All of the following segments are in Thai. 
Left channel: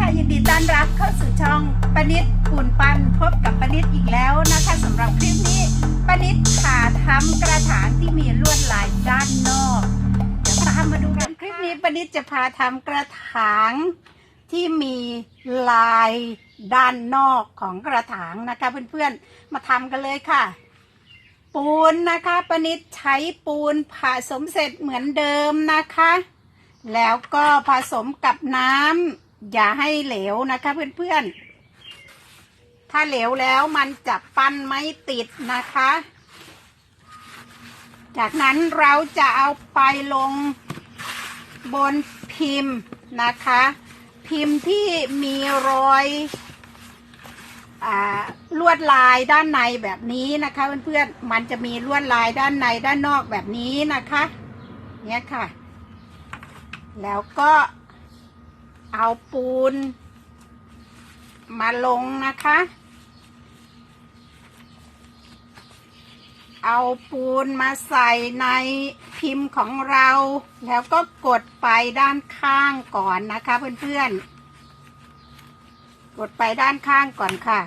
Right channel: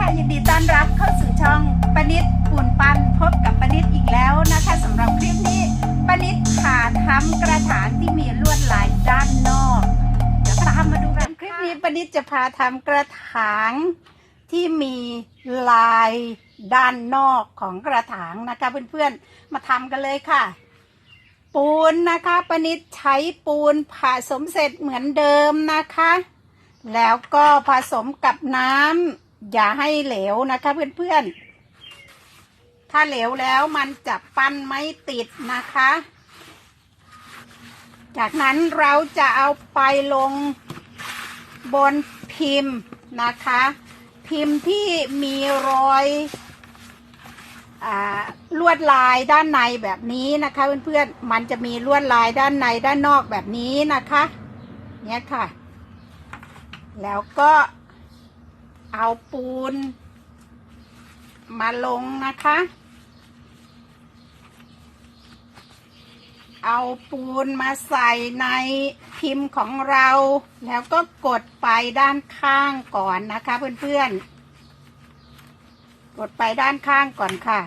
ค่ะยินดีต้อนรับเข้าสู่ช่องปนิดปูนปันพบกับปนิดอีกแล้วนะคะสำหรับคลิปนี้ปนิดผ่าทำกระถางที่มีลวดลายด้านนอกเดี๋ยวตามมาดูกันคลิปนี้ปนิดจะพาทำกระถางที่มีลายด้านนอกของกระถางนะคะเพื่อนๆมาทำกันเลยค่ะ ปูนนะคะปนิดใช้ปูนผสมเสร็จเหมือนเดิมนะคะ แล้วก็ผสมกับน้ำ อย่าให้เหลวนะคะเพื่อนๆ ถ้าเหลวแล้วมันจะปั้นไม่ติดนะคะ จากนั้นเราจะเอาไปลงบนพิมพ์นะคะ พิมพ์ที่มีรอยอลวดลายด้านในแบบนี้นะคะเพื่อนๆ มันจะมีลวดลายด้านในด้านนอกแบบนี้นะคะ เนี่ยค่ะ แล้วก็ เอาปูน มาลงนะคะ เอาปูนมาใส่ในพิมพ์ของเรา แล้วก็กดไปด้านข้างก่อนนะคะเพื่อนๆ กดไปด้านข้างก่อนค่ะ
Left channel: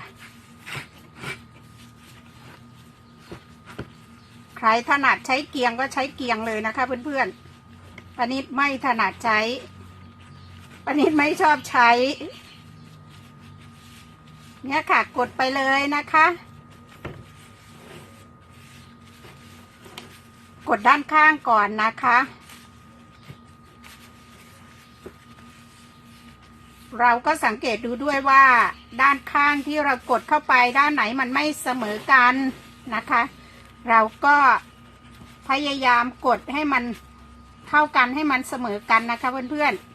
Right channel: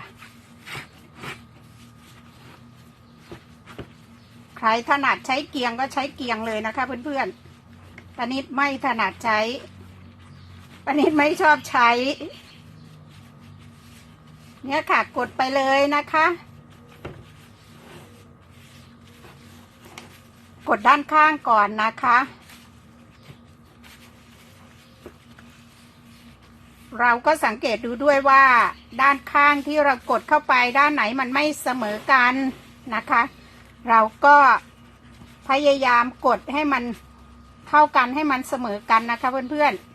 ใครถนัดใช้เกียงก็ใช้เกียงเลยนะคะเพื่อนๆปนิดไม่ถนัดใช้ ปนิดไม่ชอบใช้ เนี่ยค่ะกดไปเลยนะคะ กดด้านข้างก่อนนะคะ เราก็สังเกตดูด้วยว่าด้านข้างที่เรากดเข้าไปด้านไหนมันไม่เสมอกันนะคะ เราก็พยายามกดให้มันเท่ากันให้มันเสมอกันนะคะเพื่อนๆ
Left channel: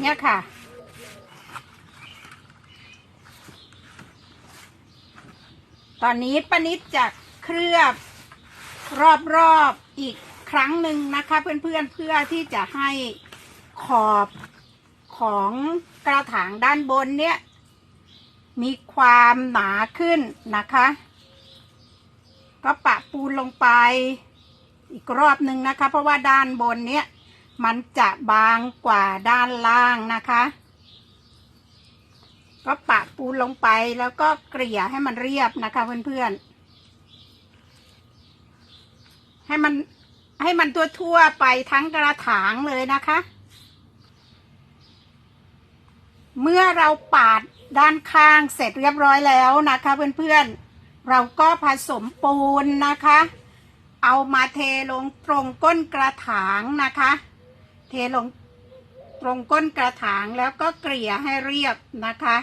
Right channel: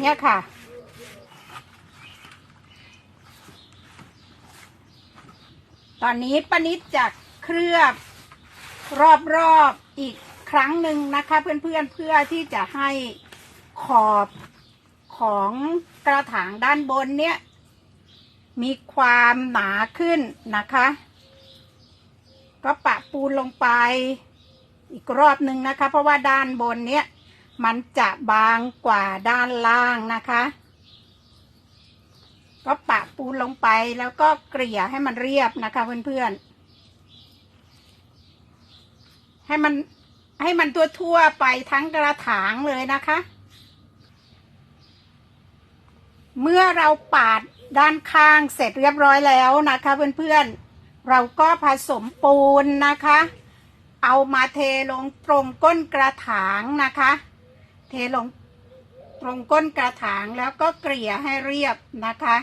เนี่ยค่ะ ตอนนี้ป้านิดจะเคลือบรอบๆอีกครั้งหนึ่งนะคะ เพื่อนๆเพื่อที่จะให้ขอบของกระถางด้านบนเนี่ย มีความหนาขึ้นนะคะ ก็ปะปูนลงไปอีกรอบหนึ่งนะคะ เพราะว่าด้านบนเนี้ย มันจะบางกว่าด้านล่างนะคะ ก็ปะปูนลงไปแล้วก็เกลี่ยให้มันเรียบนะคะเพื่อนๆ ให้มันให้มันทั่วๆไปทั้งกระถางเลยนะคะ เมื่อเราปาดด้านข้างเสร็จเรียบร้อยแล้วนะคะ เพื่อนๆ เราก็ผสมปูนนะคะ เอามาเทลงตรงก้นกระถางนะคะ เทลงตรงก้นกระถางแล้วก็เกลี่ยให้เรียบนะคะ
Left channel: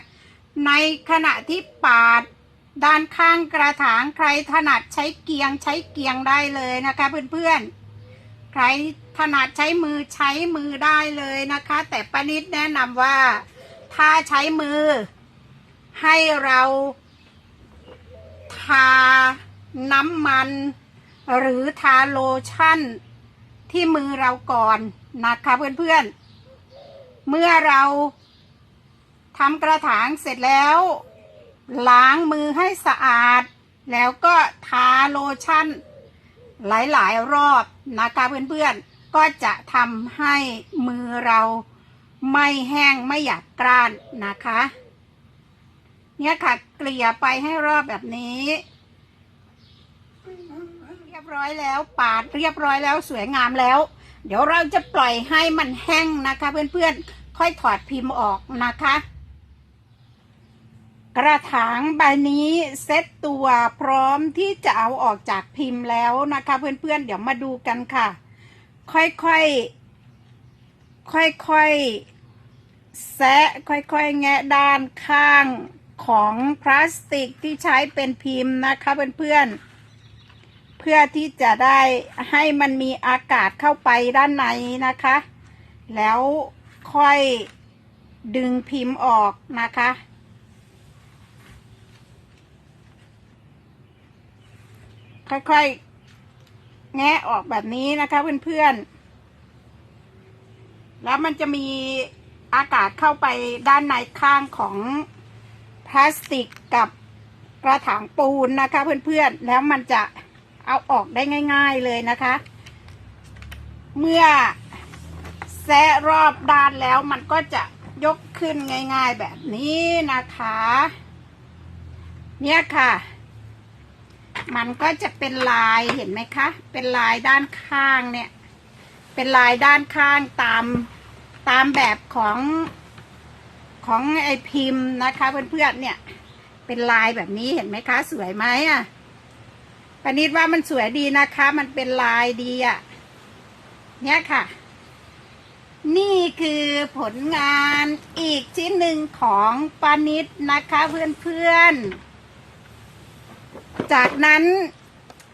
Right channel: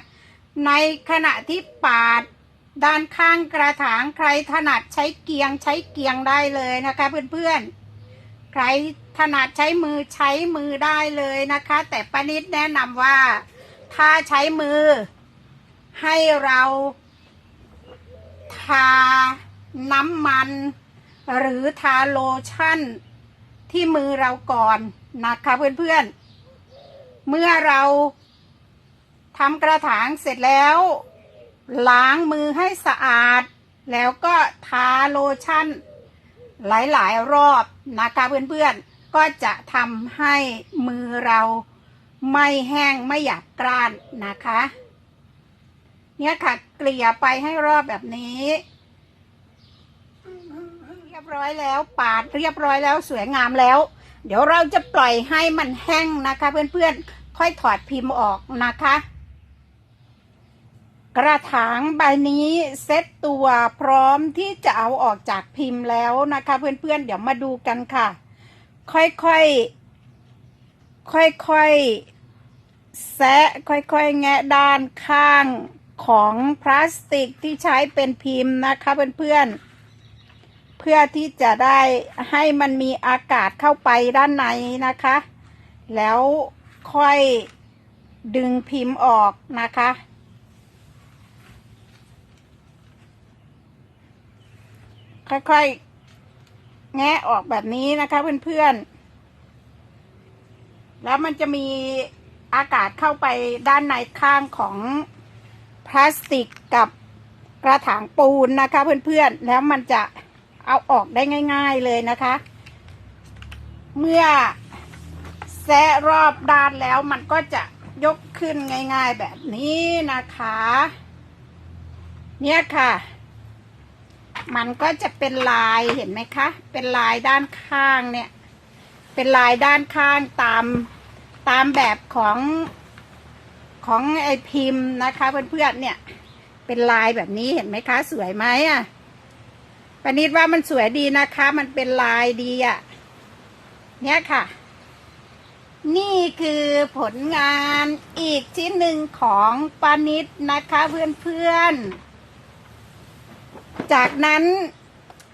ในขณะที่ปาดด้านข้างกระถางใครถนัดใช้เกียงใช้เกียงได้เลยนะคะเพื่อนๆ ใครถนัดใช้มือใช้มือได้เลยนะคะ แต่ป้านิดแนะนำว่าถ้าใช้มือให้เราทาน้ำมัน หรือทาโลชั่นที่มือเราก่อน นะคะเพื่อนๆ เมื่อเราทำกระถางเสร็จแล้ว ล้างมือให้สะอาด แล้วก็ทาโลชั่น หลายๆ รอบนะคะเพื่อนๆ ก็จะทำให้มือเราไม่แห้งไม่หยาบกร้านนะคะ เนี่ยค่ะเกลี่ยไปให้รอบแบบนี้เรียบร้อยแล้วปาดเรียบร้อยแล้วสวยงามแล้ว เดี๋ยวเราจะปล่อยให้มันแห้งนะคะ เพื่อนๆ ค่อยถอดพิมพ์ออกนะคะ กระถางใบนี้เซ็ตตัวพร้อมที่จะเอาออกจากพิมพ์แล้วนะคะ เพื่อนๆ เดี๋ยวมาดูกันค่ะ ค่อยๆ ค่อยๆ แซะค่อยๆ แงะด้านข้างของพลาสติกที่ใช้เป็นพิมพ์นะคะ เพื่อนๆ เพื่อที่จะได้ให้มันมีอากาศเข้าไปด้านในนะคะ แล้วค่อยดึงพิมพ์ออกนะคะ ค่อยๆ แงะออกแบบนี้นะคะเพื่อนๆ แล้วมันจะมีอากาศเข้าไปด้านในข้างของพลาสติกกับกระถางปูนนะคะเพื่อนๆ แล้วมันจะ เอาออกได้ง่าย ๆเลยนะคะ เมื่อแซะรอบด้านแล้วมันก็จะยกขึ้นง่าย ๆแบบนี้นะคะ เนี่ยค่ะ มันก็จะเป็นลายเห็นไหมคะ เป็นลายด้านข้างเนี่ย เป็นลายด้านข้างตามตามแบบของของไอพิมพ์นะคะเพื่อนๆเนี่ย เป็นลายแบบนี้เห็นไหมคะ สวยไหมอะ ปณิดว่ามันสวยดีนะคะ มันเป็นลายดีอะ เนี่ยค่ะ นี่คือผลงานอีกชิ้นหนึ่งของปานิดนะคะเพื่อนๆ จากนั้น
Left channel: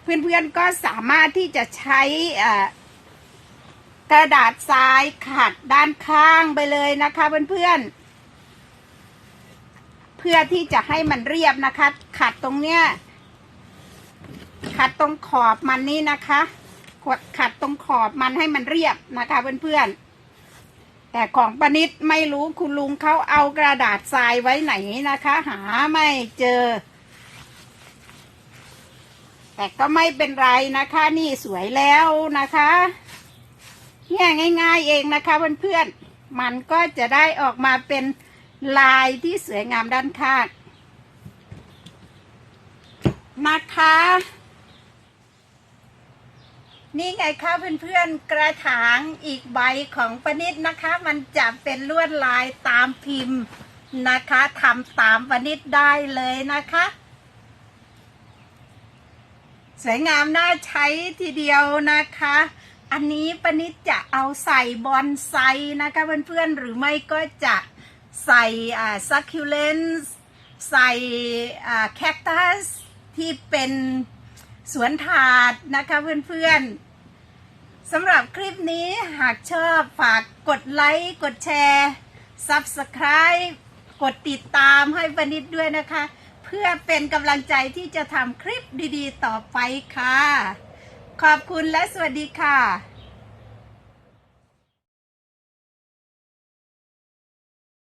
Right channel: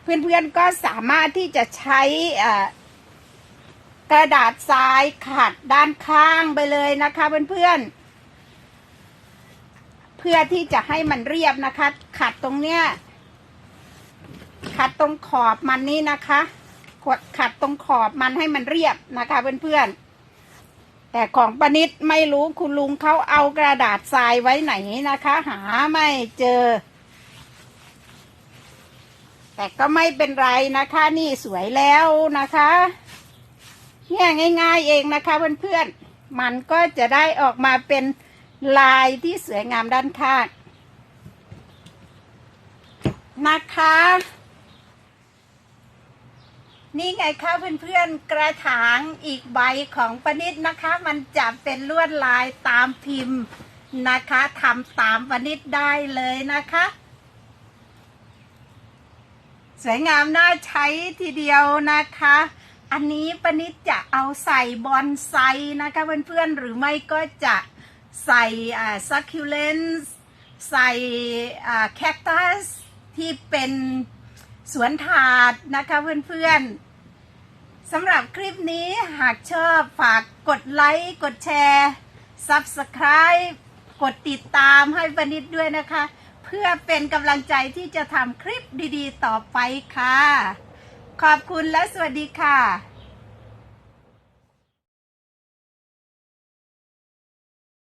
เพื่อนๆก็สามารถที่จะใช้กระดาษทรายขัดด้านข้างไปเลยนะคะเพื่อนๆ เพื่อที่จะให้มันเรียบนะคะ ขัดตรงเนี้ย ขัดตรงขอบมันนี่นะคะกดขัดตรงขอบมันให้มันเรียบนะคะเพื่อนๆ แต่ของปนิดไม่รู้คุณลุงเขาเอากระดาษทรายไว้ไหนนะคะ หาไม่เจอ แต่ก็ไม่เป็นไรนะคะ นี่สวยแล้วนะคะเนี่ยง่ายๆเองนะคะเพื่อนๆ มันก็จะได้ออกมาเป็นลายที่สวยงามด้านข้างนะคะ นี่ไงคะเพื่อนๆกระถางอีกใบของปนิดนะคะ มันจะเป็นลวดลายตามพิมพ์นะคะทำตามปนิดได้เลยนะคะ สวยงามน่าใช้ทีเดียวนะคะ อันนี้ปนิดจะเอาใส่บอนไซนะคะเพื่อนๆหรือไม่ก็จะใส่ซักคิวเลนส์ใส่แคคตัสที่เป็นสวนถาดนะคะเพื่อนๆ สำหรับคลิปนี้หากชอบฝากกดไลค์ กดแชร์ Subscribe กดติดตามให้ปนิดด้วยนะคะ เพื่อเป็นกำลังใจที่จะทำคลิปดีๆ ต่อไปค่ะ ขอบคุณและสวัสดีค่ะ